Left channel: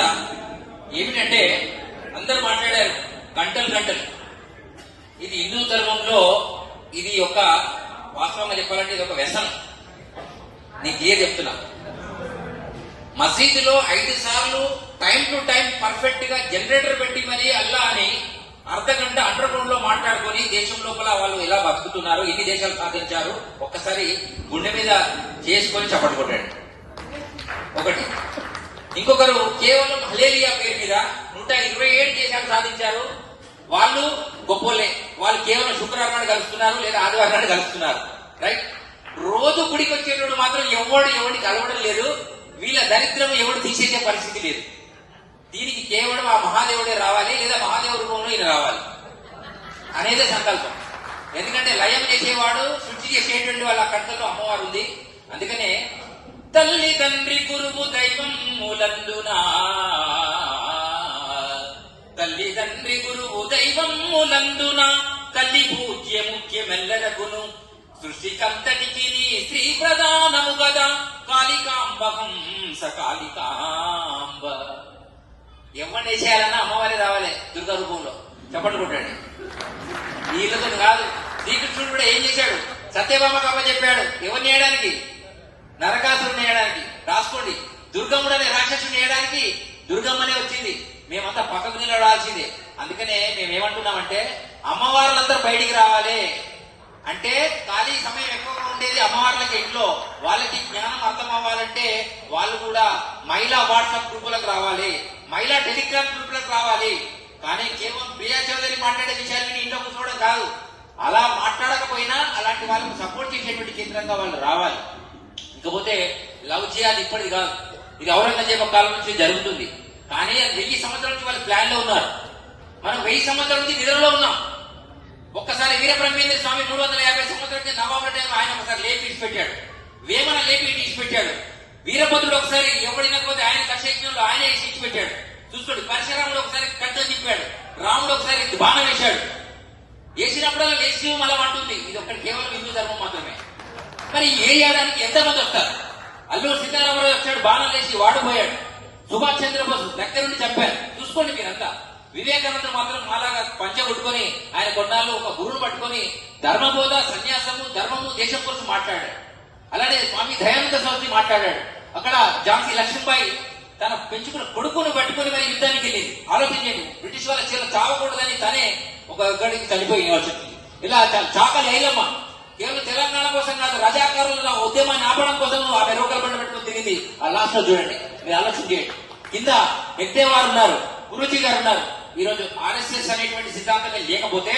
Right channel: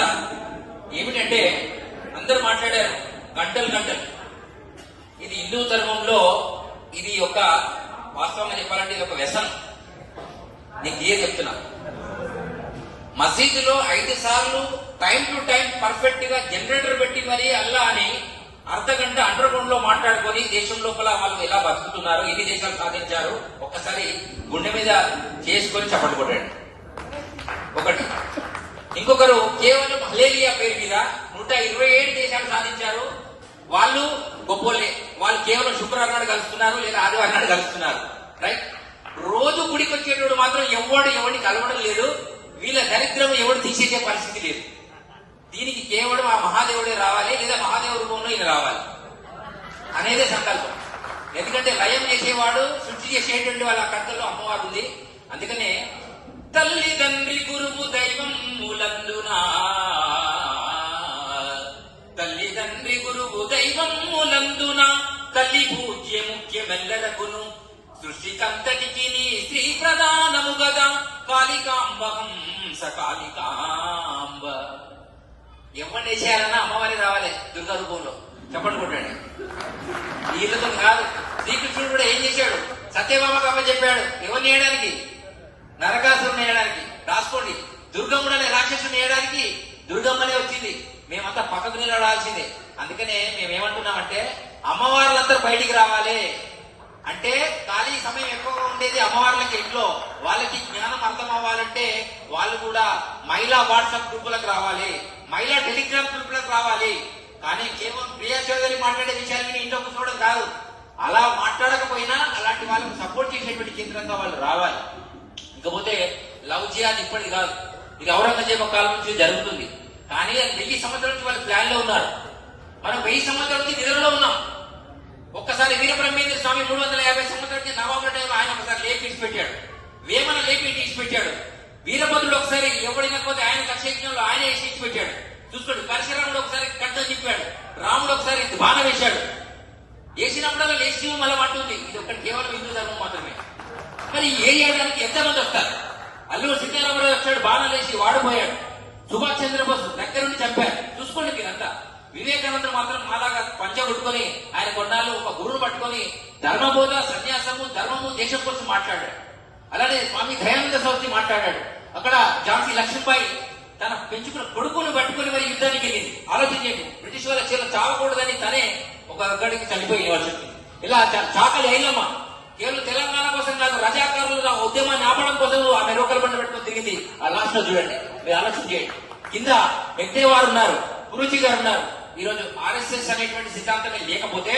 చెప్తా. ఏమిటంటే అందరూ మాట్లాడారు గంటలు. ఇది హిందూ ధర్మంలో ఇది ఒక వాస్తవంగా చెప్పాలంటే ఇది ఒక వ్యసనం. నీకు ఏ చెప్తున్నా, మసీదులో 5 సార్లు టైం టు టైం పర్ఫెక్ట్ గా జనరేటర్ పెట్టి మరి అల్లా అని అర్ధగంట అండర్ గ్రౌండ్ లో మాట్లాడుకుని దేశం లోపల వాళ్ళు ఎలా బతుకుతున్నారు, ఎన్ని దేశాలు సాధించారు ఒక్కసారి గుండె మీద చేసుకొని చెప్పబడ్డాడు. ఒకటి. ఇంకొకరు కేవలం మలేరియా పేరు మీద 127 దేశాలు సాధించారు. వాళ్ళు గొప్పలే, వాళ్ళు కేవలం శుక్రవారాన్ని కలుస్తున్నారు లేదా ఆదివారాన్ని కలుస్తున్నారు. రైట్. రోజు గుడికి వచ్చేటప్పుడు మాత్రం ఎవడిని కలవడం లేదు. వీళ్ళ దరిద్రం ఎవడు తీసేసే పరిస్థితి లేదు. దీనికి కేవలం ఆ మహాదేవుడే రావాలి లేదా మహాదేవుడు ఇది రావాలి అనేదే సంకల్పం. ఎందుకంటే లయం చేసేవాడు శుద్ధి చేసేటువంటి వాళ్ళ కంటలో అమ్మవారు ఉంది. అందుకనే తల్లి తండ్రి గురువు దైవం మూలందునా, తల్లి తండ్రి గురువు దైవం మూలందున, తల్లి పూజ్య ముఖ్యమెల్లరకును, సృష్టికంతనికి శ్రీ ప్రధానము గదా, కాళికాంబ హంస కాళికాంబ. ఎవరిని వేసేయాలన్నా అమ్మవారి రావాలి దుర్గా రూపంలో చెప్పండుకుంటాడు. వీళ్ళతో కాదు. శ్రీకృష్ణుడు కూడా ఏం చేశాడు, సత్యభామ కమ్మ చెప్పాడు ఎవరిని చేయడానికి, నరకాసురుని చేయడానికి. రాసుకోండి, దుర్గమ్ముడు అనే రాక్షసుని చేయడానికి దుర్గమ్మనే వచ్చింది. మేమంతా పక్కకు నిలబడాల్సిందే. అందుకనే మేమేమంటున్నామంటే అమ్మవార్లంతా బయటికి రావాలి. అంటే ఖాళీ సమయం ఎక్కువగా ఉండేది అమ్మవార్లకి ఇంట్లో. వాళ్ళకి జ్ఞానం అర్థం అవ్వాలంటే వాళ్ళు కూడా మహిళా వాట్సాప్ గ్రూపులకు రావాలి, మహిళా టెలిగ్రామ్ గ్రూపులకు రావాలి. కానీ కేవలం ప్రియా చౌదరి మాట్లాడే విషయాన్ని ఇంట్లో కూర్చోవడం కాదు. అలా మాట్లాడకపోయినా అలాంటి వాళ్ళకి సపోర్ట్ చేసేటువంటి కేంద్రంగా వాళ్ళు రావాలి. ఇకపోతే లవ్ చేయాలి ఇప్పటిది కాదు, ఇది ఔరంగజేబు కాలం నుంచి జరుగుతుంది. కానీ 1000 సంవత్సరాల నుంచి వాళ్ళు ప్లాన్ లో ఉన్నారు. మనం 1000 సంవత్సరాల నుంచి నిద్రలో ఉన్నాం. ఒక్కసారి వీరబ్రహ్మేంద్ర స్వామి 350 సంవత్సరాలకి నవాబుల టైంలో ఆయన ఒకసారి లేపి ఇచ్చిపెట్టాడు, వేమన లేపి ఇచ్చిపెట్టాడు. వీరభద్రుడు ఒకసారి ఎవడినకపోతే ఆయన దశయజ్ఞంలో ఆయన ఇచ్చిపెట్టాడు. చూసుకోండి, పరశురాముడు ఒకసారి గడ్డ తిప్పాడు, రాముడు ఒకసారి బాణం వేశాడు. వేసినప్పుడల్లా లేచి మళ్ళీ అంటుంది. ఇది ఒక కేవలం హిందూ ధర్మం మాత్రమే. మరి ఏ ఏడాదికి ఎంతమంది వస్తారు? అల్లూరు సీతారామరావు వచ్చాడు, బాణం వేసి వాడిపోయాడు. సుభాష్ చంద్రబోస్ దగ్గరుండి చెప్పారు. చూసుకోండి మీరంతా. వివేకానందుడు మాత్రం మాలాగా పంచ కొట్టుకుని ఆయన కొన్నాళ్ళు ఒక గురువును పట్టుకుని ధర్మబోధ, సన్యాసము, ధర్మము, దేశం కోసం మాట్లాడాడు. అలానే స్వామి దయానంద సరస్వతి మాట్లాడాడు. అక్కడ ఝాన్సీ లక్ష్మీబాయి తన పెంచుకున్న కొడుకును పట్టుకుని మరి యుద్ధానికి వెళ్ళింది. ఆలోచించండి, బ్రిటిష్ వాళ్ళ చేతులు చావకూడదని తనే ఒక గడికి చనిపోయింది వాళ్ళు చెప్పింది. ఇలా చాకలి ఏలమ్మ కేవలం తెలంగాణ కోసం కాదు, రజాకారులు ఉద్యమాన్ని ఆపడం కోసం ఆమె లోకల్ పట్టుకుని తిరిగింది. ఆ లాస్ట్ లో చూడండి, మీరు ఆలోచన చేయండి. కింద ఎక్కేవారు ఉన్నారు, గురూజీ గారు ఉన్నారు. ఈ రోజు ఆర్ఎస్ఎస్ అనేటువంటి సిద్ధాంతం లేకపోతే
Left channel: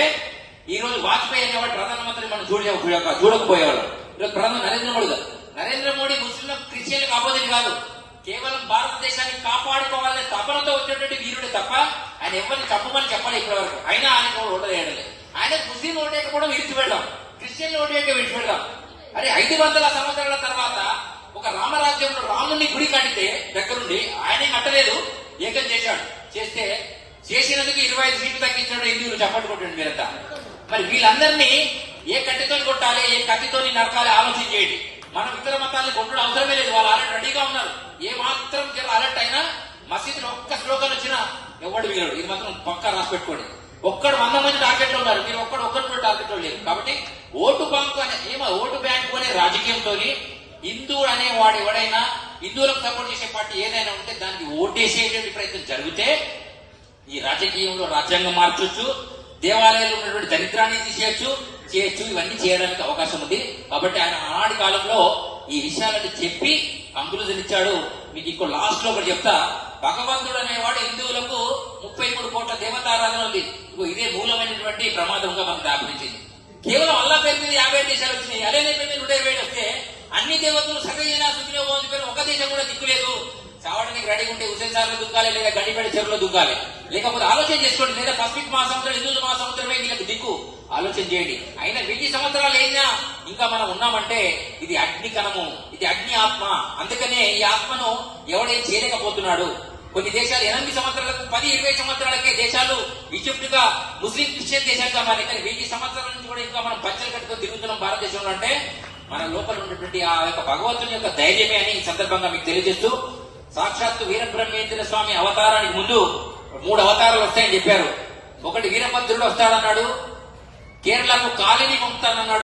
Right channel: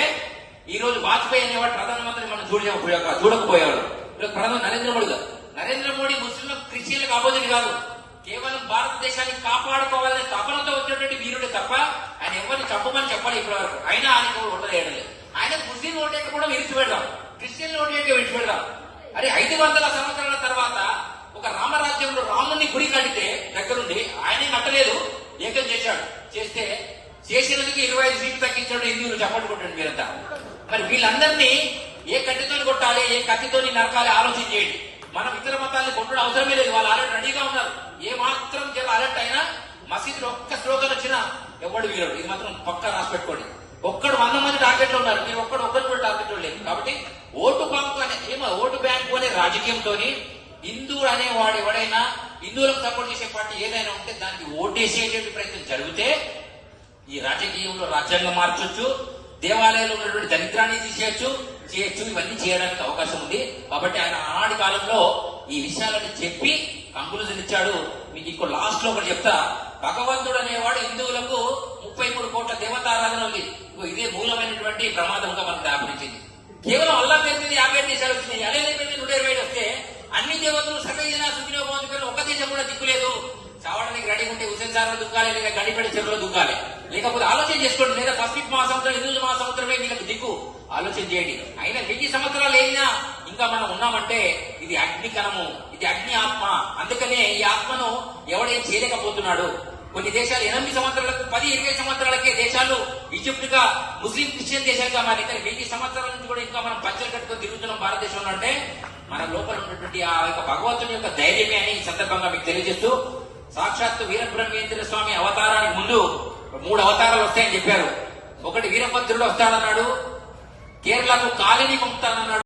ఈ రోజు వాజ్పేయి అనేవాడు ప్రధానమంత్రి మనం చూడకపోయేవాడు. ప్రధాని నరేంద్ర మోడీ ముస్లింల క్రిస్టియన్లకు అపోజిట్ కాదు, కేవలం భారతదేశాన్ని కాపాడుకోవాలనే తపనతో వచ్చినటువంటి వీరుడు తప్ప ఆయన ఎవరిని తప్పమని చెప్పాలి ఇప్పటివరకు. అయినా ఆయన ఓటలేయడం లేదు. ఆయన ముస్లిం ఓటేయకపోవడం విడిచిపెట్టాం, క్రిస్టియన్ ఓటేయక విడిచిపెట్టాం. అరే 500 సంవత్సరాల తర్వాత ఒక రామరాజ్యంలో రాముని గుడి కడితే దగ్గరుండి ఆయనే నట్టలేదు, ఏకం చేశాడు. చేసినందుకు 25 సీట్లు తగ్గించడం హిందువులు చెప్పట్టుకుంటుంది మీరంతా. మరి వీళ్ళందరినీ ఏ కత్తితో కొట్టాలి, ఏ కత్తితో నరకాలి ఆలోచన చేయండి. మనం ఇతర మతాన్ని కొట్టడం అవసరమే లేదు, వాళ్ళు ఆల్రెడీ రెడీగా ఉన్నారు. ఏ మాత్రం అలర్ట్ అయినా మసీదులో ఒక్క స్లోగన్ వచ్చినా ఎవడు వీరు, ఇది మాత్రం పక్కా రాసి పెట్టుకోండి. ఒక్కడు 100 మంది టార్గెట్లు ఉన్నారు, నేను ఒకరు కూడా టార్గెట్లు లేదు. కాబట్టి ఓటు బ్యాంకు ఓటు బ్యాంకు అనే రాజకీయంతో హిందువు అనేవాడు ఎవడైనా, హిందువులకు సపోర్ట్ చేసే పార్టీ ఏదైనా ఉంటే దానికి ఓటేసేటువంటి ప్రయత్నం జరిగితే ఈ రాజకీయంలో రాజ్యాంగం మార్చొచ్చు, దేవాలయంలో ఉన్నటువంటి దరిద్రాన్ని తీసేయచ్చు, ఇవన్నీ చేయడానికి అవకాశం ఉంది. కాబట్టి ఆయన ఆనాటి కాలంలో ఈ విషయాలను చెప్పి అంకులు ధరించాడు. మీకు ఇప్పుడు లాస్ట్ లో ఒకటి చెప్తా. భగవంతుడు అనేవాడు హిందువులకు 33 కోట్ల దేవతారాధన ఉంది. ఇదే మూలమైనటువంటి ప్రమాదంగా మనం జ్ఞాపనించింది. కేవలం అల్లా పేరు మీద 50 దేశాలు వచ్చినాయి. అలానే 120 వస్తే అన్ని దేవతలు సగైన దిక్కులో పోతున్నారు, ఒక దేశం కూడా దిక్కులేదు. చావడానికి గడి ఉంటే ఉసేజాలు దుగ్గాలి, లేక గడి పడి చెరువులో దుగ్గాలి. లేకపోతే ఆలోచన చేసుకోండి, లేదా పసిఫిక్ మహాసముద్రం, హిందూ మహాసముద్రమే మీకు దిక్కు. ఆలోచన చేయండి. అయినా 1000 సంవత్సరాలు అయినా ఇంకా మనం ఉన్నామంటే ఇది అగ్నికరము, ఇది అగ్ని ఆత్మ. అందుకనే ఈ ఆత్మను ఎవడేం చేయలేకపోతున్నాడు. కొన్ని దేశాలు 8 సంవత్సరాలకు 10-20 సంవత్సరాలకే దేశాలు ఈజిప్ట్ గా ముస్లిం క్రిస్టియన్ దేశాలుగా మారి 1000 సంవత్సరాల నుంచి కూడా ఇంకా మనం పచ్చలు కట్టుకుని దిగుతున్నాం భారతదేశంలో. అంటే మన లోపల ఉన్నటువంటి ఆ యొక్క భగవంతుని యొక్క ధైర్యమే అని ఈ సందర్భంగా మీకు తెలియజేస్తూ సాక్షాత్తు వీరబ్రహ్మేంద్ర స్వామి అవతారానికి ముందు 3 అవతారాలు వస్తాయని చెప్పారు. ఒకటి వీరభద్రుడు వస్తానన్నాడు, కేరళకు కాలిని పంపుతానన్నాడు.